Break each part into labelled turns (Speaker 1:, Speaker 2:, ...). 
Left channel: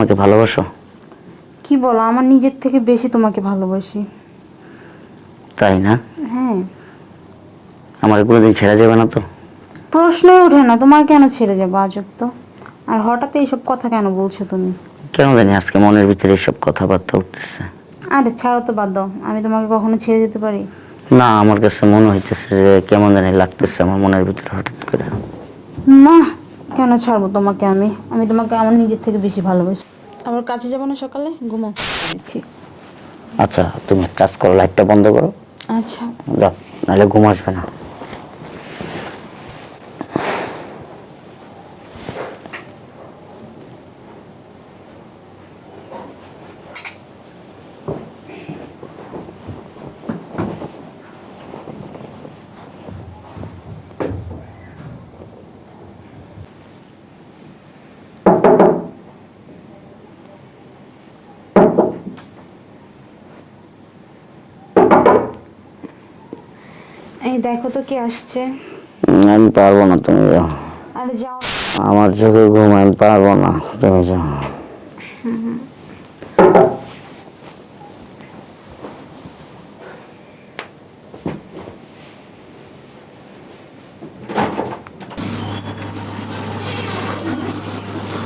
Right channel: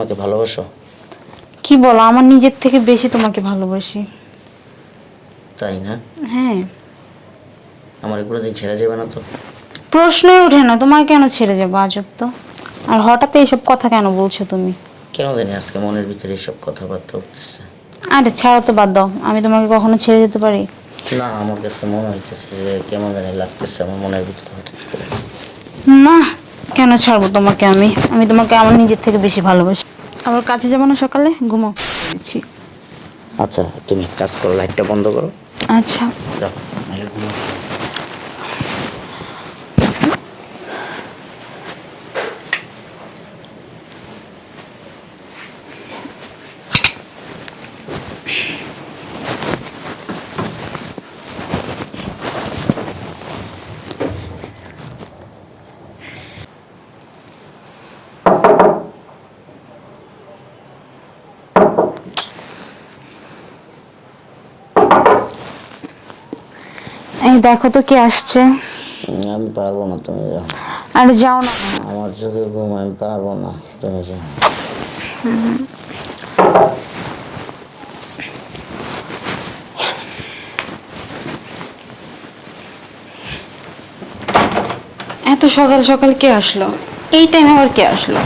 Speaker 1: আমাকে ভালোবাসো?
Speaker 2: কি বলো? আমার নিজের থেকে বেশি তোমাকে ভালোবাসি।
Speaker 1: তাই না?
Speaker 2: হ্যাঁ।
Speaker 1: আমার কোনোদিন ছেড়ে যাবে না তো?
Speaker 2: প্রশ্নই ওঠে না তোমার কেন ছেড়ে যাব? আজব তো। আর হঠাৎ এইসব কথা কেন বলছো তুমি?
Speaker 1: কেন জানি আজকে মনের ভিতরে এসব কথাবার্তা উঠতেছে।
Speaker 2: আরে ছাড়ো তো বাদ দাও। আমি তোমাকে কখনো ছেড়ে যেতে পারি?
Speaker 1: না আমার কাছে মনে হইতেছে যে কেমন জানি লাগতেছে আমার মনের ভিতরে হঠাৎ করে।
Speaker 2: না কেন ছাড়বো তোমাকে আমি? আমি তোমাকে আমার নিজের থেকে বেশি ভালোবাসি। কাছে যাব না সকালে? ঘুমো। বলছি।
Speaker 1: আচ্ছা তুমি এক কাজ করো লাইটটা বন্ধ করো।
Speaker 2: আচ্ছা।
Speaker 1: নাহলে ঘুম আসবে না।
Speaker 2: দেখো তো কে আসছে।
Speaker 1: আমি পারব না তুমি যাও।
Speaker 2: আরে যাও না।
Speaker 1: আমার চোখে ঘুম আমি পারব না তুমি যাও।
Speaker 2: এত সকাল সকাল কে আসলো? এই টাইমে আবার কে আসলো?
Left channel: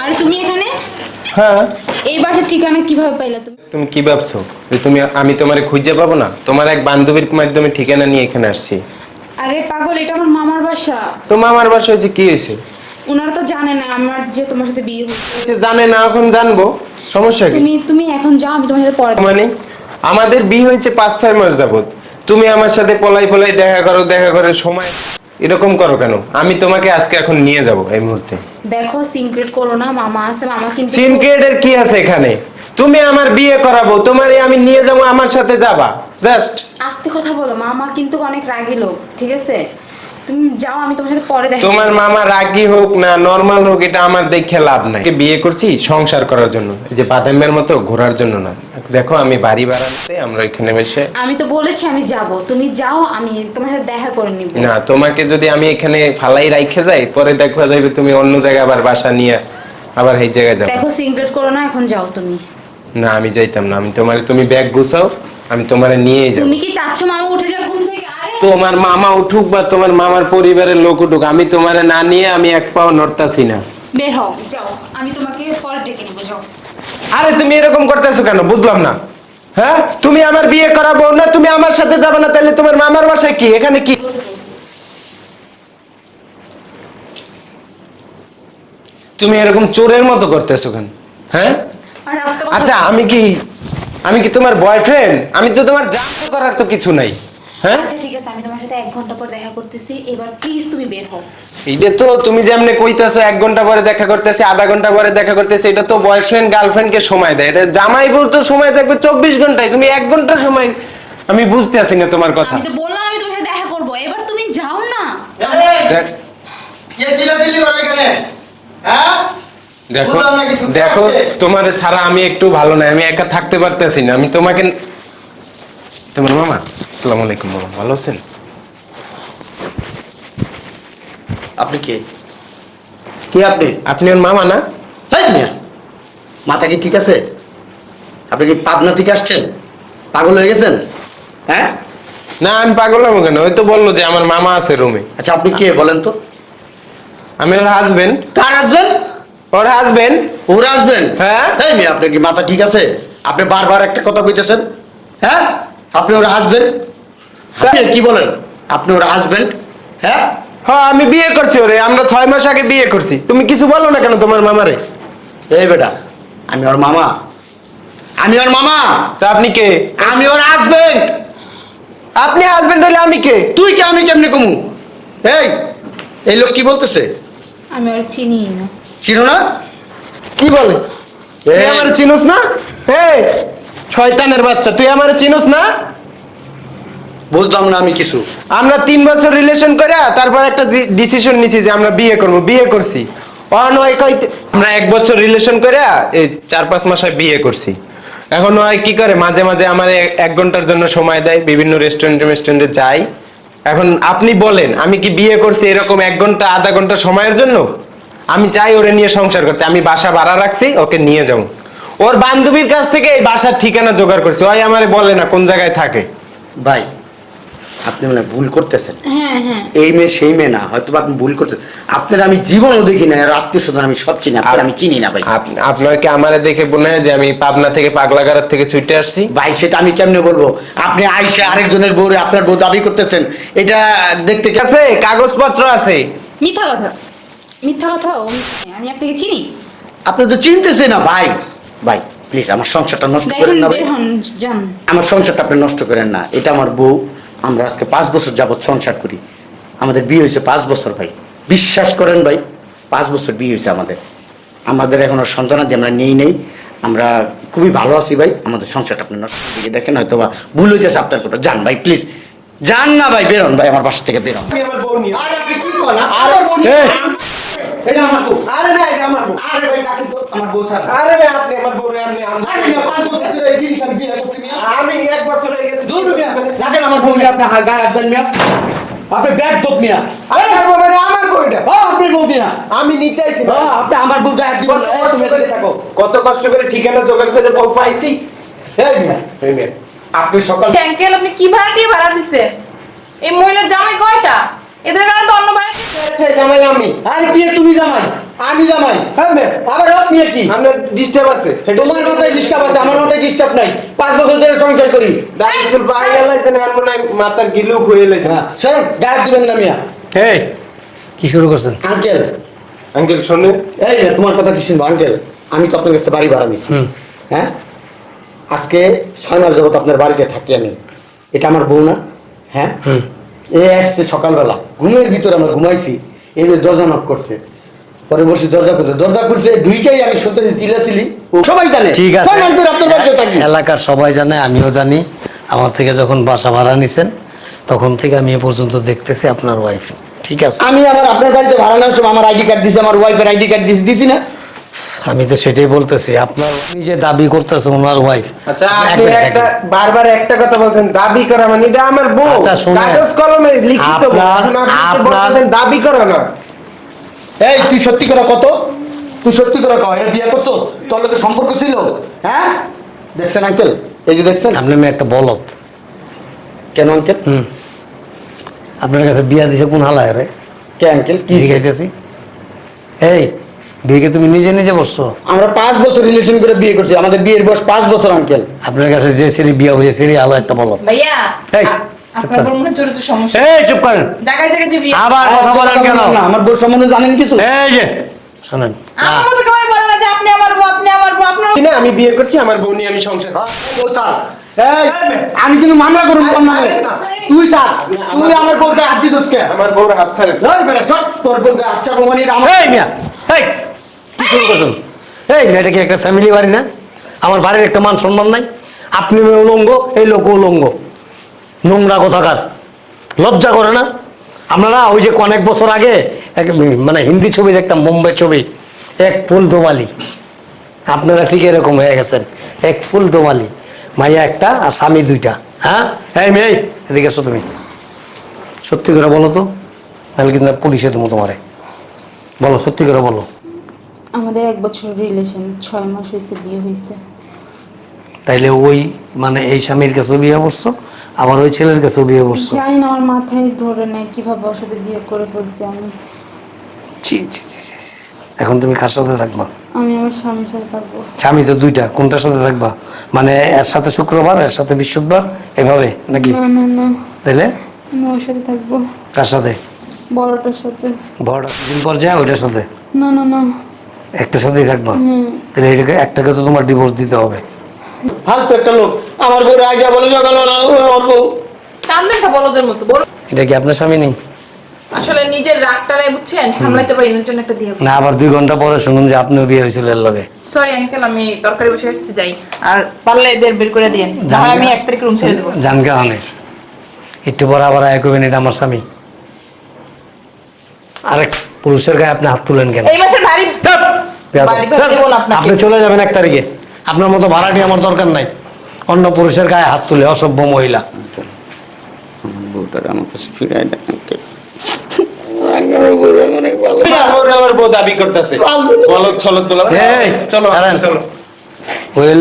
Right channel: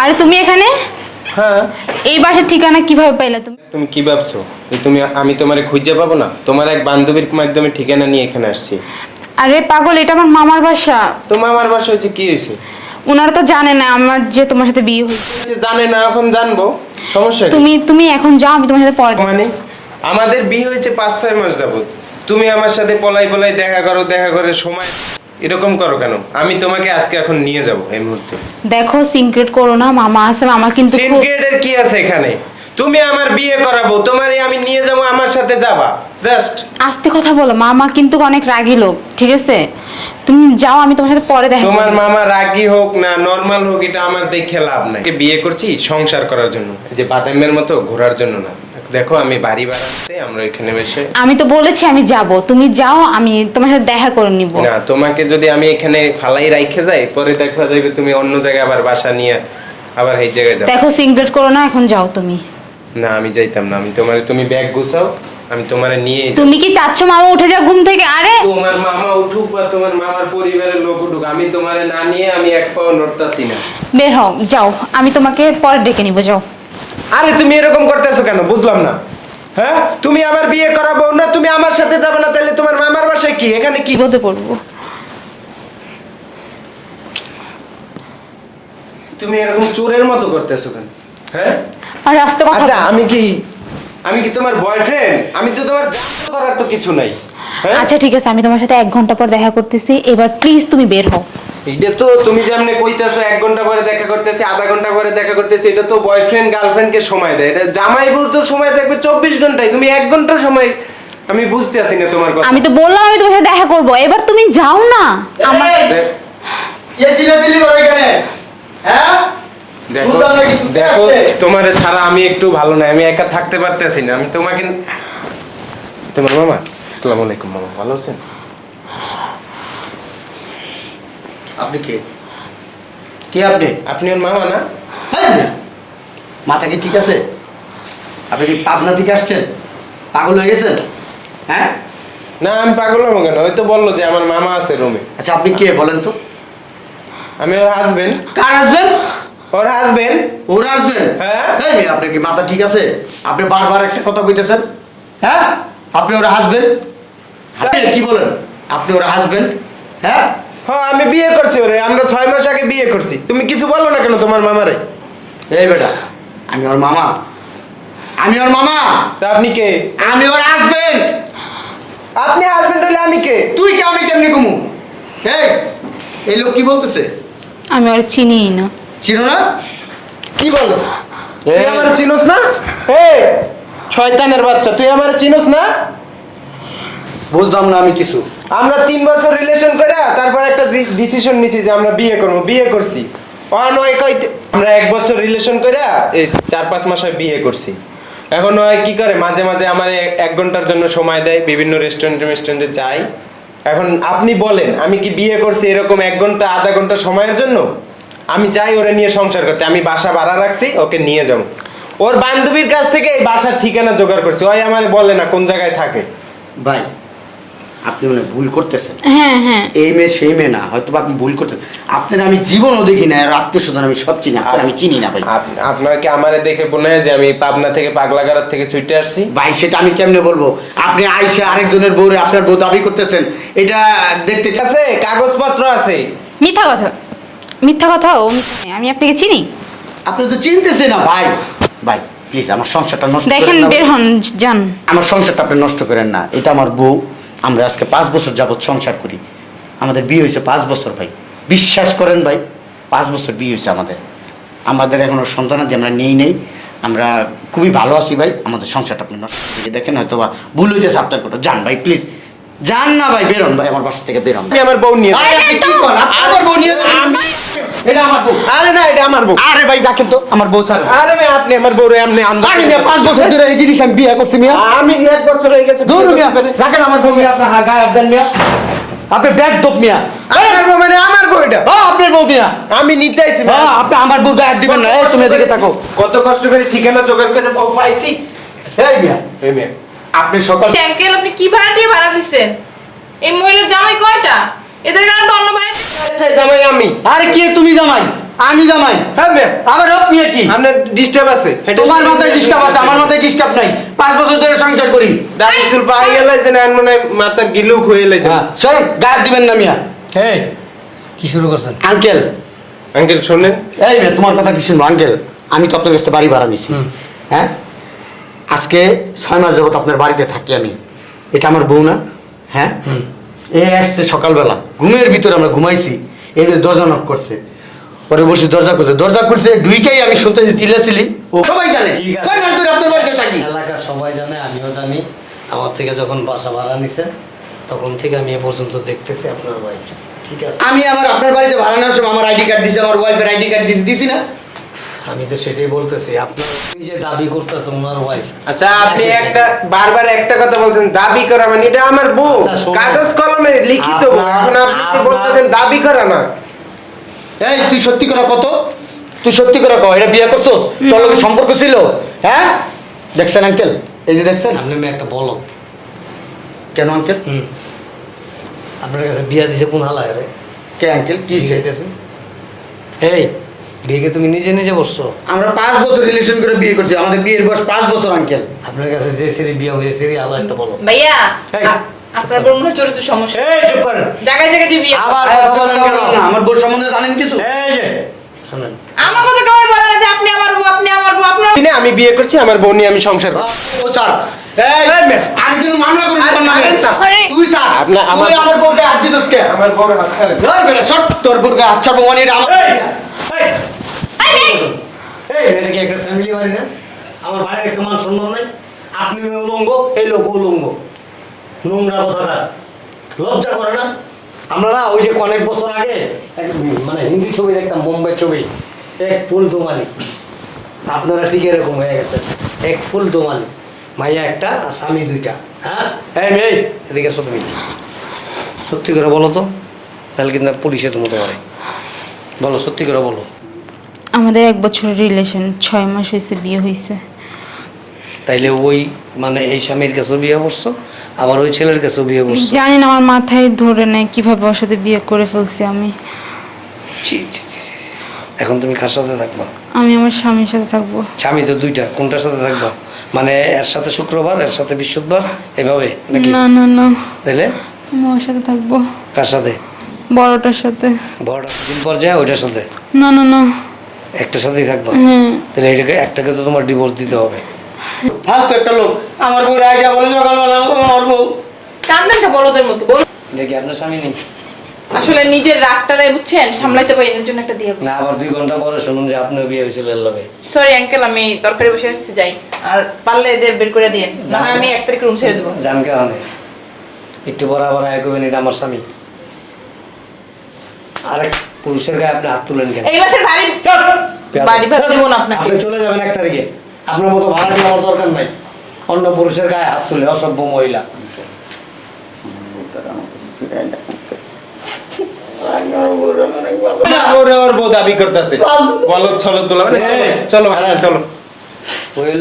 Speaker 2: আরে তুমি এখানে?
Speaker 3: হ্যাঁ।
Speaker 2: এই বাসার ঠিকানা কীভাবে পাইলে তুমি?
Speaker 3: তুমি কি ভাবছ? যে তুমি আমি তোমারে খুঁজে পাবো না? তোমার এক বান্ধবীর মাধ্যমে ঠিকানা নিয়ে এখানে আসছি।
Speaker 2: আরে পাগল এটা আমার মামার বাসা।
Speaker 3: তোমার আমার বাসায় হচ্ছে কি হয়েছে?
Speaker 2: ওনারা তো জানে না আমার যে তোমার সাথে বিয়ে হয়েছে।
Speaker 3: জানে না এখন জানব। সমস্যা কি?
Speaker 2: তুমি তুমি এখন যাও আমি তোমার সাথে পরে
Speaker 3: মানে আমাদের বিয়ে হয়েছে পাঁচ ছয় মাস যাবত তুমি আমার সাথে পলাই পলাই দেখা করো দেখা করে সময় এরকম করো কেন? আমি তোমাকে আজকে এখন নিয়ে যাব এই মুহূর্তে।
Speaker 2: দেখো সিনক্রেট করো না মামা আছে মামা কিন্তু
Speaker 3: সিনক্রেটের কি আছে এখানে? তুমি আমার বিয়ে করাবো তোমারই আমি নিয়ে যাব আমার সাথে যাবা। জাস্ট
Speaker 2: আস্তে কথা বলো মামা কিন্তু অনেক রাগী লোক ঠিক আছে? তুমি যাও আমি তোমার সাথে পরে দেখা
Speaker 3: তোমার মামা রাগী হোক না নর্মাল হোক এটা আমার দেখে লাভ নাই। বিয়ে করছি সংসার করার জন্য যে বাদামের মতো ঘোরার জন্য না। দেখো আমি বাড়ি বাড়াতে আমরা এখানে বসে।
Speaker 2: আমি তো বলেছি আমি যাব তুমি যাও আমি তোমার সাথে দেখা করে নিব।
Speaker 3: না তোমাকে যদি আমি এখানে ফালাই রাইখে যাই পরে দেখা যাবে তুমি অন্য জায়গায় আবার বাসা নিয়ে আবার এই জায়গায় যাবে।
Speaker 2: দেখো সিনক্রেট করো না এখন যাও তুমি।
Speaker 3: না আমি যাইতাম না। আমি তোমার তুমি ব্যাগ গুছাও আমি তোমার নিয়ে যাই।
Speaker 2: তুমি কি চাচ্ছ মামা উঠে যাও ঘুম থেকে? আরে!
Speaker 3: তোমার মামা উঠুক বা তোমার মামার পরিবারের লোক উঠুক আমি তোমার না নিয়ে আমি এক পাও নড়তাছি না।
Speaker 2: বের হও যাও। আমি তোমাকে পরে ডেকে নিব যাও।
Speaker 3: আরে তুমি এরকম করতেছো কেন? বুঝলাম না। হ্যাঁ? তুমি আমার বিয়ে করাবো না তুমি আমার সাথে যাবে না তাহলে তোমার মামার বাসায় কি? এখানে কি?
Speaker 2: বিপদে পড়ব।
Speaker 3: তুমি এরকম চোরের মতো করতেছো কেন? হ্যাঁ?
Speaker 2: আর আস্তে কথা
Speaker 3: আচ্ছা আমি কি আমি কি তোমার বয়ফ্রেন্ড আমি তো তোমার জানতে করার তো কিছু নাই। হ্যাঁ?
Speaker 2: আচ্ছা ঠিক আছে আমি তোমার সাথে এক ঘণ্টা পর দেখা করতেছি। এবার প্লিজ তুমি বের হও।
Speaker 3: এইটা তো তুমি যেমনে কইতাছো এক ঘণ্টা পরে দেখা করতেছে আধা ঘণ্টা পরে দেখা করতেছে এটা তো বয়ফ্রেন্ড গার্লফ্রেন্ডকে সময় দেয়। এটা জামাই বউ তো সময় থাকবে চব্বিশ ঘন্টায়। তুমি এক ঘণ্টা সময় আমি বুঝতে আছি না তোমার কথা।
Speaker 2: আমি তো বললাম আমি তোমার সাথে দেখা করব। এবার তুমি যাও না।
Speaker 3: দেখ-
Speaker 4: কে চিল্লাচিল্লি করে এখানে? হ্যাঁ?
Speaker 3: দেখো। দেখো তোমার ছাড়া আমি একটু ভালো নাই আমি একা থাকতে পারতেছি না। আমি তোমাকে তোমার মামা আসসালামু আলাইকুম মামা ভালো আছেন?
Speaker 4: আপনি কে? কে আপনি?
Speaker 3: আপনি ওর মামা না?
Speaker 4: মাথা কি ঠিক আছে? আপনি কি পাবনা থেকে আসছেন? পাগল হয়ে গেছেন? হ্যাঁ?
Speaker 3: না আমি পাগল হব কেন? ওই তো বলল যে আমার মামা আছে রুমে
Speaker 4: আচ্ছা আপনি কে বলেন তো?
Speaker 3: আমি ওর হাজবেন্ড
Speaker 4: কার আসবেন
Speaker 3: ওর হাজবেন্ড
Speaker 4: ওরা আসবেন?
Speaker 3: হ্যাঁ।
Speaker 4: মিয়া, আপনার কি মাথা ঠিক আছে? আপনি বারবার একটা কথা কইতেছেন। হ্যাঁ? আপনি ওরা আসবেন? কি বলেন? আপনি ওরা আসবেন? হ্যাঁ?
Speaker 3: হ্যাঁ আমি বিয়ে করছি ওরে। আমরা ছয় মাস আগে বিয়ে করছি। তুমি কিছু বলো না কেন তোমার মামারে?
Speaker 4: এই বেটা আমি ওর মামা। আমি ওর মামা।
Speaker 3: তা আপনি কে?
Speaker 4: আমি ওর হাজবেন্ড
Speaker 3: আপনি হাজবেন্ড হলে আমি কে?
Speaker 4: তুই কি আমি কেমনি কমু? এই এই লোক কি বলতেছে?
Speaker 2: আমি আর চিনি না।
Speaker 4: ছিল না?
Speaker 3: কি বল? তুই আমার চিনোস না? এই শয়তানের বাচ্চা তুই আমার চিনোস না?
Speaker 4: বুঝলাম না আমি কিছু।
Speaker 3: আমরা তিন বছর রিলেশন করে তারপর একটা ডিসিশন নিছি যে আমরা বিয়ে করব বিয়ে করছি। অন ওই কইতে আমরা এক বছর রিলেশন করে এই চার পাঁচ মাসে বিয়ে করছি। এখন ওই কি করে? মাঝে মাঝে আমার এক- এক ঘণ্টার জন্য সময় দেয় বিভিন্ন রেস্টুরেন্টে রেস্টুরেন্টে যাই। এখন আপনি বলেন আমি কি বিয়ে করছি এরকম এক ঘণ্টা আধা ঘণ্টা সময়ের জন্য? আমি চাই ওরে নিয়ে সংসার করতে আমি বাসা ভাড়া রাখছি ওকে নিয়ে যাও ওর বান্ধবীর কাছ থেকে এই বাসার ঠিকানা জোগাড় করছি। ওই আমারে বলে না কোন জায়গায় থাকে।
Speaker 4: ভাই আপনি মানে ভুল করতেছেন।
Speaker 2: হ্যাঁ হ্যাঁ।
Speaker 4: এই মেয়ে সেই মেয়ে না হয়তো বা আপনি ভুল করতেছেন। আপনার আমি জীবনও দেখি না আর আত্মীয় স্বজন আমি সব চিনি আপনার আমি চিনি না ভাই।
Speaker 3: আপ- আপনার কি আমারে দেখে মনে হয় যে আমি পাবনা থেকে পাগলাগাড়ার থেকে ছুটে আসছি?
Speaker 4: ভাই সেটা আমি কেমনে বলব? আপনি আইসা আরেকজনের বউ আপনার বউ দাবি করতেছেন এটা দেখতে
Speaker 3: আছে কাগজপত্র আছে।
Speaker 2: মিথ্যা কথা। মিথ্যা কথা ও আমি আপনাকে চিনি।
Speaker 4: আপনি তো চিনতেছে না ভাই। ভাই প্লিজ আমার সংসারটা নষ্ট
Speaker 2: দেখেন
Speaker 4: করেন না
Speaker 2: বের হন যান।
Speaker 4: আমার সংসারটা আপনি নষ্ট করেন না। এটা আমার বউ আমরা আজকে পাঁচ বছর যাবৎ সংসার করি। আমাদের বিয়ে হয়েছে পাঁচ বছর ভাই। বিশ্বাস করেন ভাই পাঁচ বছর বিয়ে হয়েছে আমাদের। আমাদের এখনও সন্তানাদি আমরা নেই নেই। আমরা খুবই ভালো আছি ভাই। আমাদের সংসারটা আপনি নষ্ট করে দিয়ে দেখেন হয়তো বা ভুল হইতেছে আপনার কথা। যান ভাই প্লিজ যান না ভাই বেরোন ভাই আমার বাসা থেকে বেরোন
Speaker 3: আমি আমার বউ নিয়ে
Speaker 4: আরে আপনি কি করেন? আমার বউ নিয়ে এটা আমার বউ।
Speaker 3: আরে না এটা আমার বউ।
Speaker 4: আরে ভাই ডাকেন তো আমার বউ স্যার
Speaker 3: আরে ভাই আপনি আমার বউ রে আপনি আনন্দ
Speaker 4: আরে মিয়া, পাঁচ বছর ধরে এই জিনিস আমি বিয়ে করছি মিয়া।
Speaker 3: আমি এক বছর হয়ে গেছে।
Speaker 4: দূর মিয়া রাখেন আমার বউ মিয়া আপনার গায়ে হাত দেন মিয়া। আপনি ব্যাগ দোপ মিয়া।
Speaker 3: আমার বউ মানে আমার বউ এটা।
Speaker 4: হ্যাঁ আপনার বউ মিয়া।
Speaker 3: আমি নিতে আইছি
Speaker 4: হ্যাঁ আপনি আমার বউ গায়ে হাত দিবেন না। তুমি এদিকে থাকো।
Speaker 3: কত কষ্ট করে ঠিকানা জোগাড় করে বউ পাইছি।
Speaker 4: এই মিয়া।
Speaker 3: এই মেয়ে,
Speaker 4: আপনি সকাল
Speaker 5: ট্যাঙ্কেল আপনি কি ভাড়া দিয়ে ভাড়া দিচ্ছেন এই মহিলার জামাই কয়টা? এদের কারণে তো অন্য ভাই
Speaker 3: জামাই আমি।
Speaker 4: আরে কি তুমি জামাই? আমি জামাই।
Speaker 3: হ্যাঁ মেয়ে,
Speaker 4: আবার আপনি কি?
Speaker 3: আপনার ডিস্টার্ব আছে।
Speaker 4: তোমার মাথায় ডিস্টার্ব আছে আমার মাথায় ডিস্টার্ব নাই। পাঁচ বছর ধরে সংসার করি।
Speaker 3: দাড়ি চুল পাই গেলাইছে না মনে মাথা গিলুক হয়ে লাইছে
Speaker 4: সর গায়ে দিবেন না মিয়া।
Speaker 6: এই কি শুরু করছেন?
Speaker 4: আঙ্কেল।
Speaker 3: আঙ্কেল শোনেন।
Speaker 4: এই তোমার কথা কি শুনব? আঙ্কেল আমি তো আপনার কাছে বাড়ি ভাড়া নিছি। হ্যাঁ? আজকে ছয় মাস যাবত আপনার বাড়িতে থাকি আমি। এটা আমার বউ না। হ্যাঁ। এ আসছে সকালবেলা। ঘুমের ভিতরে আমরা ঘুমাইছি এর দরজা নক করছে। পরে বলছি দরজা খুলছে দরজা খুলছে দুইকেই আমি শুনতেছি চিল্লাচিলি ও সবাই জানে।
Speaker 6: ঠিক আছে। এলাকার সবাই জানে আমিও জানি। আমার থেকে যখন বাসা ভাড়া নিছেন তখন থেকে আমি এ পর্যন্ত দেখতেছি আপনার ওয়াইফ ঠিক আছে?
Speaker 4: আমি আবার আপনার বাড়িতে ভাড়া নেওয়ার সময় আমার আইডি কার্ড দিছি আমার ওয়াইফের আইডি কার্ড দিছি দিছি না।
Speaker 6: আমি তো সেটাই বলতেছি আপনার নিজে দাবি করতেছে ওনার ওয়াইফ
Speaker 3: আচ্ছা আপনি একটা বারবার একটা কথা বলছেন দাবি করা মানে এটা আমার বউ।
Speaker 6: আচ্ছা,
Speaker 3: কাগজ কলমে লিখিত এখন আপনি বলতেছেন দাবি করা না।
Speaker 4: এই তুই সত্যি করে কত? তুই সত্যি করে কও এটা বিয়ে করছস? তোর লোকের সম্পর্ক ছিল? হ্যাঁ? দেখছেন আঙ্কেল এই যে দেখছেন?
Speaker 6: আপনি মেয়ে একটা বলত
Speaker 4: কেন আঙ্কেল
Speaker 6: হুম। আপনার কাছে বিয়া দিছে কোন হালায় রে?
Speaker 4: কে আঙ্কেল কি
Speaker 6: কি খাইতেছি এই বিয়েকে তুমি নিজে নিজে বসছো?
Speaker 4: আমরা পাঁচ বছর রিলেশন করে বিয়ে করছি। আমাদের বিয়ের বয়স পাঁচ বছর আঙ্কেল
Speaker 6: আপনার কাছে যে বিয়া হয়েছে আলো একটা বলত
Speaker 5: ভাইয়া আপনার বড় মনে চরিত্র সমস্যা।
Speaker 6: এই চুপ করেন।
Speaker 5: জায়গায় জায়গায় যে বিয়ে।
Speaker 6: আবার কথা বলেন কেন?
Speaker 4: আমার বউর সম্বন্ধে জানেন কিছু?
Speaker 6: এই যে শোনেন।
Speaker 5: আমার কথা কেউ বলে না যে আপনি আমার বউ আপনি আমার বউ আপনার
Speaker 3: না আমি বিয়ে করছি আমার বউ নিয়ে আমি সংসার
Speaker 4: বউ স্যার আমি কিন্তু মামলা
Speaker 3: না।
Speaker 4: তুই স্যার
Speaker 3: আমার-
Speaker 4: তুই আমার বউকে হাত দিছস কে?
Speaker 3: আমার বউর হাত ছাড়েন।
Speaker 4: ধর বেটা সর তোর বউকে আচ্ছা বউ মানে এটা আমার
Speaker 6: এই মিয়া এই। কি করছেন? এই এটা কি একটা ফ্যামিলি বাড়ি না? আমার বাড়ির একটা মান সম্মান নাই। আপনি উলঙ্গ, এই লোক উলঙ্গ। নোংরা কথাকার? লজ্জা করে না? আপনারা ওই যে অনেক বছর আগে এক মানে হিন্দি ছবি দেখতাম, মুম্বাই ছবি, এক ফুল দোমালি। আপনারা ঠিক এরকম হয়ে গেছেন। এক ফুল দোমালি, মাইয়া একটা আর স্বামী দুইটা। হ্যাঁ? এই মেয়ে, এদিকে এসো তুমি। সত্যি করে বলো তো তাহলে কিন্তু পুলিশে তুমি তোমারে। বলো, সত্যি করে বলো।
Speaker 2: আমাদের এক বছরের রিলেশন ছয় মাস হয়েছে বিয়ে হয়েছে
Speaker 6: তাইলে ওই মানে এই স্বামীর কাছে বিয়ে বসছো আবার ওই ছেলের কাছে বিয়ে বসছো
Speaker 2: জানি না আমার মাথায় ধরে নেয় কীভাবে ওর সাথে বিয়ে করে ফেলছি আমি।
Speaker 6: ছি, ছি, ছি, ছি, ছি। এখন তুমি কার সাথে থাকবা?
Speaker 2: আমি আমার স্বামীর সাথে থাকব।
Speaker 6: স্বামী তো দুইটা কোনটার সাথে থাকবা? মানে এর সাথে শুক্রবার এর সাথে বৃহস্পতিবার এভাবে নাকি?
Speaker 2: না না না।
Speaker 6: তাইলে?
Speaker 2: আমি ওর সাথে থাকব।
Speaker 6: কার সাথে?
Speaker 2: বড়টার সাথে।
Speaker 6: বড় দিন পর যায় ওইটার সাথে?
Speaker 2: না না না।
Speaker 6: একটার সাথেই থাকবা। তাহলে এটাকে একটাকে তো তোমার ডিভোর্স দিতে হবে।
Speaker 4: ফালতু একটা লোক। আমার বউ রাজা বলে সকালবেলা ও আমার বউ।
Speaker 5: বলদের মতো। বল
Speaker 6: এটা কি আপনার স্বামী নেই?
Speaker 5: আসলে নিজের রাগটারাই বুঝছেন? সামলাইতে পারি না জন্য একটা দিয়ে
Speaker 6: না আবার দুই ঘণ্টা পরে শুনুন যে আপনিও বিয়ে হয়েছিল এর লগে।
Speaker 5: সরি আঙ্কেল আমি তরকারি বসে এসেছি যাই। আর পারলে এদের বের করে দিন না আমি এক তারিখ রুম ছেড়ে দেবো।
Speaker 6: জানকে হানে একটু পরে আবার এক এটা আমার স্বামী। আরেক পুরুষের গায়ে আপনি হাত তুলেন কেন?
Speaker 5: এই মাসের ভারী বাড়ি ভাড়া দেবো না আপনাকে।
Speaker 6: আপনি চলে যাবেন এক তারিখে। আপনার মতো ভাড়া নিয়ে আমার দরকার নাই। অন্য পুরুষের গায়ে হাত তুলে অসভ্য মহিলা।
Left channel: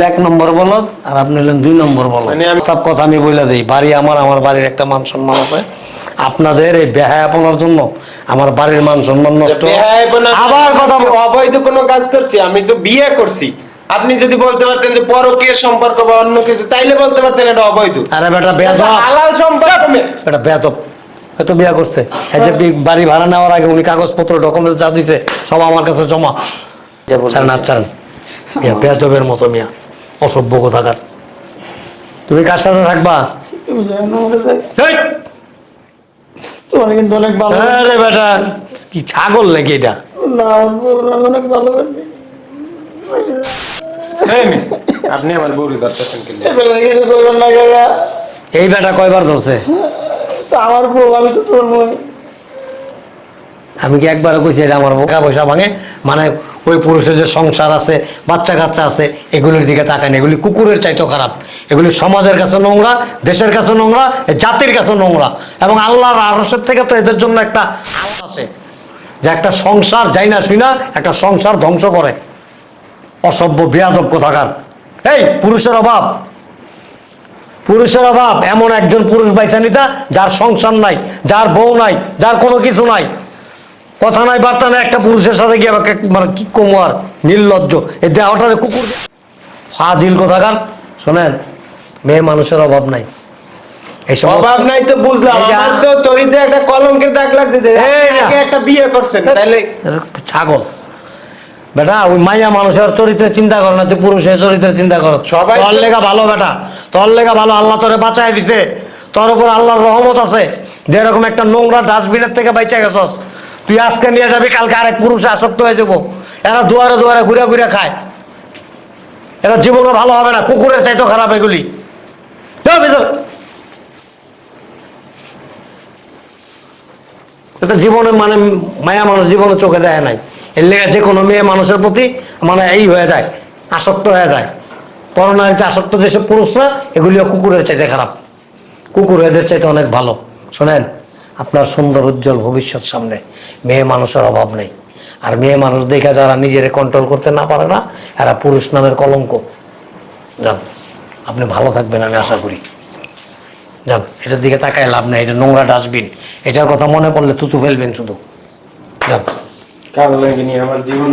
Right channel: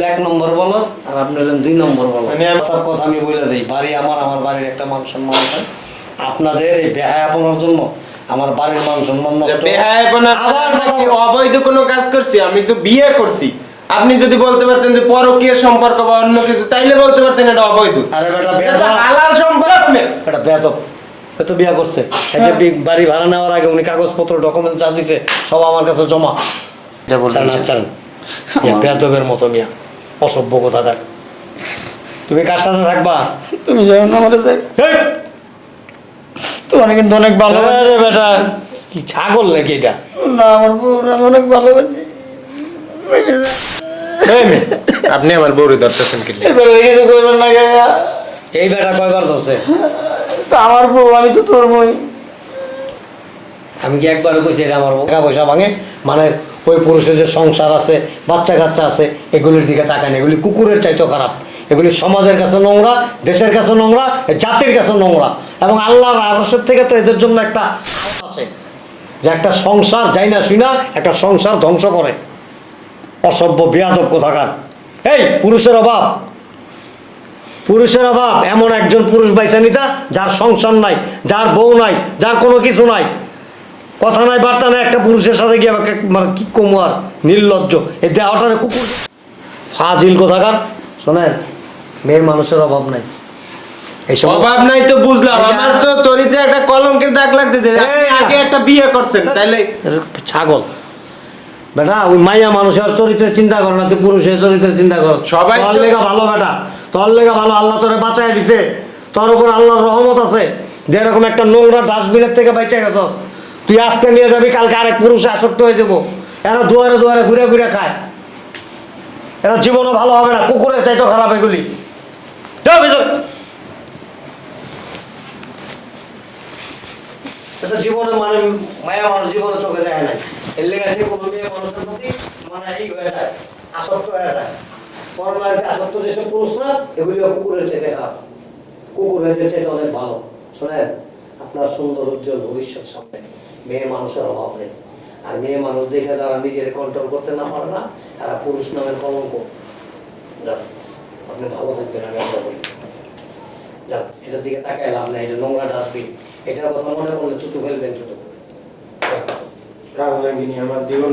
Speaker 6: এক নম্বর বলো আর আপনি দুই নম্বর বলো
Speaker 3: মানে আমি-
Speaker 6: সব কথা আমি বলে দিই। বাড়ি আমার আমার বাড়ির একটা মান সম্মান আছে। আপনাদের এই বেহায়াপনার জন্য আমার বাড়ির মান সম্মান নষ্ট। আবার কথা
Speaker 3: অবৈধ কোনো কাজ করছি আমি তো বিয়ে করছি। আপনি যদি বলতে পারতেন যে পরকীয় সম্পর্ক বা অন্য কিছু তাইলে বলতে পারতেন এটা অবৈধ।
Speaker 6: আরে বেটা বেদ
Speaker 3: হালাল সম্পর্ক।
Speaker 6: এটা বেয়াদব। এত বিয়া করছে। এই যে বাড়ি ভাড়া নেওয়ার আগে উনি কাগজপত্র ডকুমেন্ট যা দিছে সব আমার কাছে জমা। না চান মিয়া বেয়াদবের মতো মিয়া। অসভ্য কথাকার। তুমি কার সাথে থাকবা?
Speaker 7: তুমি জানো না আমাদের! তোমার কিন্তু অনেক ভালো
Speaker 6: আরে বেটা কি ছাগল নাকি এটা?
Speaker 7: না আমার বউ আমি অনেক ভালোবাসি
Speaker 3: আপনি আমার বউরে ধরতেছেন কি লিগে?
Speaker 7: এবার কিছু করবেন না কাকা।
Speaker 6: এই বেটা কয়বার ধরছে?
Speaker 7: তা আমার বউ আমি তো তোর বই
Speaker 6: আমি কি একবারও কইছি এটা আমার পয়সা ভাঙে মানে ওই পুরুষের যে সংসার আছে বাচ্চা কাচ্চা আছে এগুলির দিকে তাকায় না এগুলি কুকুরের চাইতেও খারাপ। এগুলি সমাজের কাছে নোংরা, দেশের কাছে নোংরা জাতির কাছে নোংরা। এবং আল্লাহর আরসের থেকে তো এদের জন্য একটা আছে, যে একটা সংসার যাই না শুই না, একটা সংসার ধ্বংস করে। অসভ্য, বেয়াদব কোথাকার। এই, পুরুষের অভাব। পুরুষের অভাব, এমন একজন পুরুষ বাইসে নিতা, যার সংসার নাই, যার বউ নাই, যার কোনো কিছু নাই। কথা নাই, বার্তা নাই, একটা পুরুষের সাথে গিয়ে মানে কি কোমার নির্লজ্জ। এ দেহটারে কুকুর ফাজিল কোথাকার। শোনেন মেয়ে মানুষের অভাব নাই।
Speaker 3: অভাব নাই তো বুঝলাম
Speaker 6: যে-
Speaker 3: আমার তো চরিত্রে একটা কলঙ্কের দাগ একটা বিয়ে করছেন
Speaker 6: ছাগল। বেটা ওই মাইয়া মানুষের চরিত্রের চিন্তা করো না তুই পুরুষের চরিত্রের চিন্তা করো।
Speaker 3: সবাই
Speaker 6: তোর
Speaker 3: তো-
Speaker 6: লেগা ভালো বেটা। তোর লেগা ভালো আল্লাহ তোরে বাঁচাই দিছে। তোর উপর আল্লাহর রহমত আছে। যেরকম একটা নোংরা ডাস্টবিনের থেকে বাইচা গেছস। তুই আজকে নিয়ে যাবি কালকে আরেক পুরুষে আসক্ত হয়ে যাব। এরা দুয়ারে দুয়ারে ঘুরে ঘুরে খায়। এরা জীবনও ভালো হবে না কুকুরের চাইতো খারাপ এগুলি। জীবনে মানে মায়া মানুষ জীবনে চোখে দেয় নাই। এর লেগে যে কোনো মেয়ে মানুষের প্রতি মানে এই হয়ে যায়, আসক্ত হয়ে যায়। পরনারীতে আসক্ত যেসব পুরুষরা, এগুলিও কুকুরের চাইতে খারাপ। কুকুর এদের চাইতে অনেক ভালো। শোনেন, আপনার সুন্দর উজ্জ্বল ভবিষ্যৎ সামনে। মেয়ে মানুষের অভাব নেই। আর মেয়ে মানুষ দেখে যারা নিজেরা কন্ট্রোল করতে না পারে না, এরা পুরুষ নামের কলঙ্ক। যান। আপনি ভালো থাকবেন, আমি আশা করি। যান এটার দিকে তাকায় লাভ নাই, এটা নোংরা ডাস্টবিন। এটার কথা মনে পড়লে থুতু ফেলবেন শুধু। যান
Speaker 3: কারণ আমার জীবন